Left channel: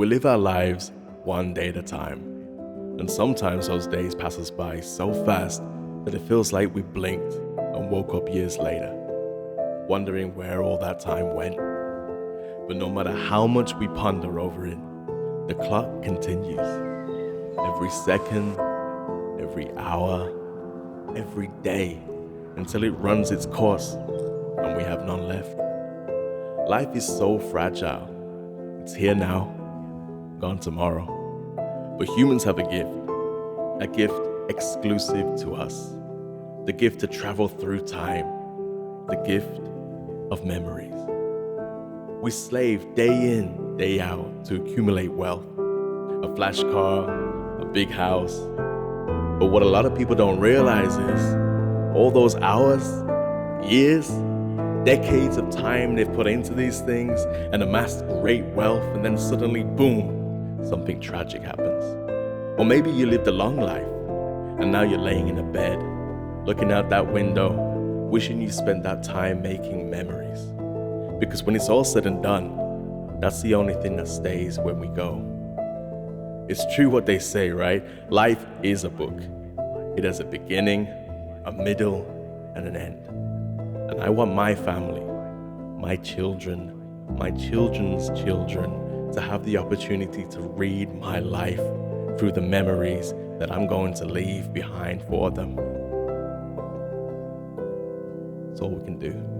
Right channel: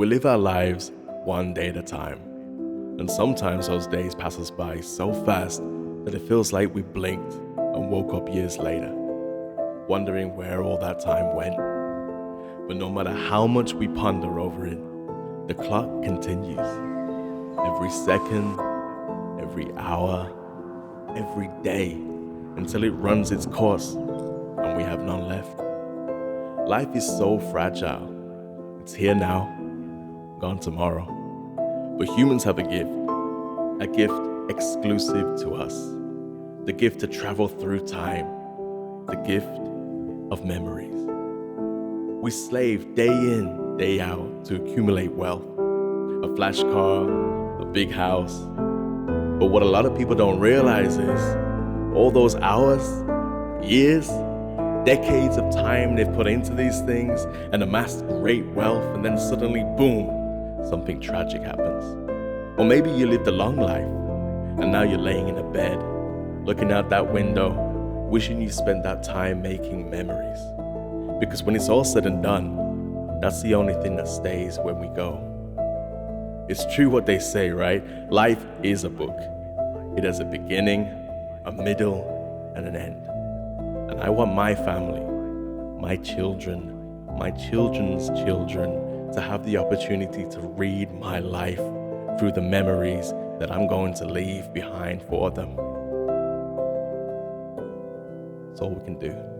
We live our lives one day at a time, and sometimes those days pass us by so fast that it feels like we blinked and woke up years later, wondering where all that time went. But no matter how much we ponder over it, the clock continues. Every second, every hour, every day, until it runs its course and we have none left. Life is so fragile. It's here now, gone tomorrow. But humans have a gift exclusive to us, the gift to travel through time, the gift of memories. We slave day in, day out to accumulate wealth, a flash car, a big house. But what a lot of people don't realize is all those hours, years, decades of time they've put into these things and amassed great wealth, and then suddenly, boom, something tragic happens. Or maybe you lived a long life and now you're laying in a bed, looking out that window, wishing you spent that time making memories. Because when it's all said and done, that's the only thing that stays when we go. It's true what they say, right? Life is a book. It has a beginning, a middle, and an end. And I want my family, my children, my children's children to have the opportunity to read my life through the memories that I'm going to leave behind for them. That's all we can do.